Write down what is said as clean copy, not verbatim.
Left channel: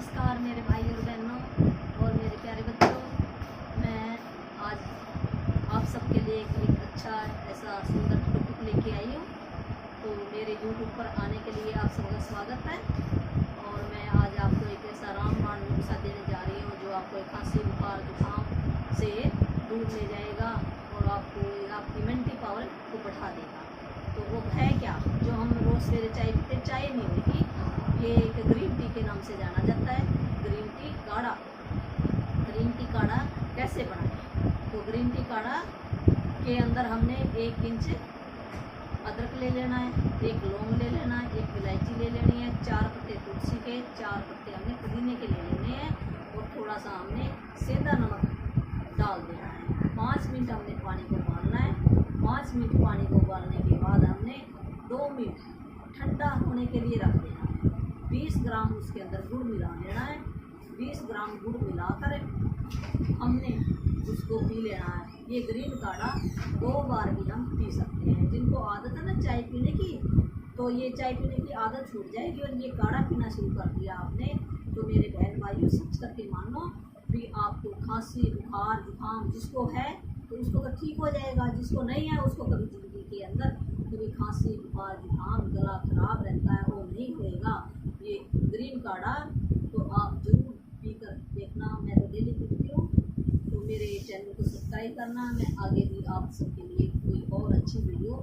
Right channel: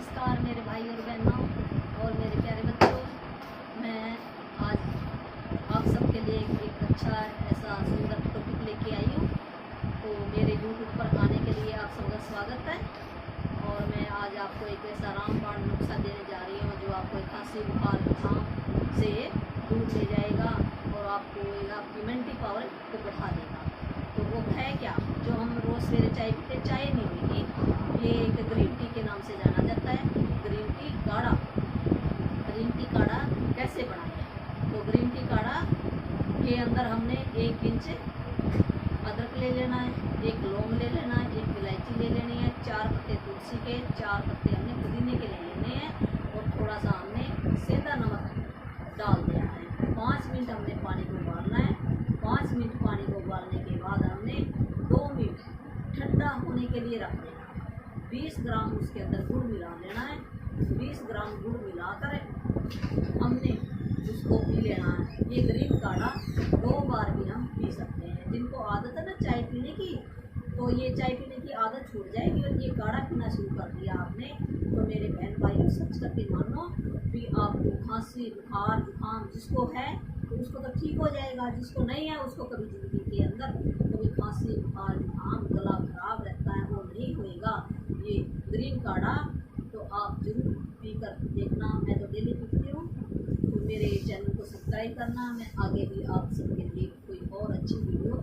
नमस्कार मेरे भाई और बहनों और मेरे प्यारे बच्चों। मैं आज आप सबके लिए एक अच्छा ऐसा सुंदर टॉपिक लेके आई हूँ। तो मेरे YouTube पर आने के लिए आप सबका स्वागत है। और मैं आज आपको एक ऐसा रामबाण नुस्खा देने जा रही हूँ जो आपको खांसी बुखार जुकाम से दूर ले जाएगा और आपको आपकी इम्यूनिटी पावर को बढ़ा देगा। तो वो है क्या, जो हम रोज़ सवेरे चाय पीते, चाय नहीं होगी, ये एक ग्रीन टी के नाम से जाना जाता है। ग्रीन टी काढ़ा। ग्रीन टी काढ़ा कैसे बनाएं? तो ग्रीन टी काढ़ा के अंदर हमने 1 इंच अदरक ले लेना है, 1 लौंग ले लेना है, 1 इलायची ले लेनी है, 4 पत्ते तुलसी के, 4 पत्ते हमने पुदीने के ले लेने हैं और थोड़ा सा हमने सेंधा नमक डाल देना है। 5 मिनट हमने पानी को उबालना है। 5 मिनट पानी को उबालने के बाद हमने 2 मिनट ठंडा होने के लिए रख देना है। 20 ग्राम उसके अंदर गुड़ मिला लेना है। 20 ग्राम गुड़ मिलाकर हमने उसको पी लेना है। ये ग्रीन काढ़ा 2 बार भी हम पी सकते हैं। जिनको आदत है ना चाय पीने की, तो ये चाय पीने की आदत छूट जाएगी और ये काढ़ा पीना शुरू कर दिया आपने, तो मेरे बहन भाइयों सच करके मानो भी आपको खांसी बुखार जुकाम जिसको है तो उसको तो ठीक हो जाएगा, जिसको नहीं है उसको कभी ज़िंदगी के अंदर कभी खांसी बुखार जुकाम गला खराब रहता है वो नहीं होएगा। ये ग्रीन काढ़ा तो आप जरूर पी कर देखना। मैं तो डेली पीती हूँ। तो मेरे चैनल को सब्सक्राइब करना। मैं आगे भी आप सबके लिए कोई और अच्छी वीडियो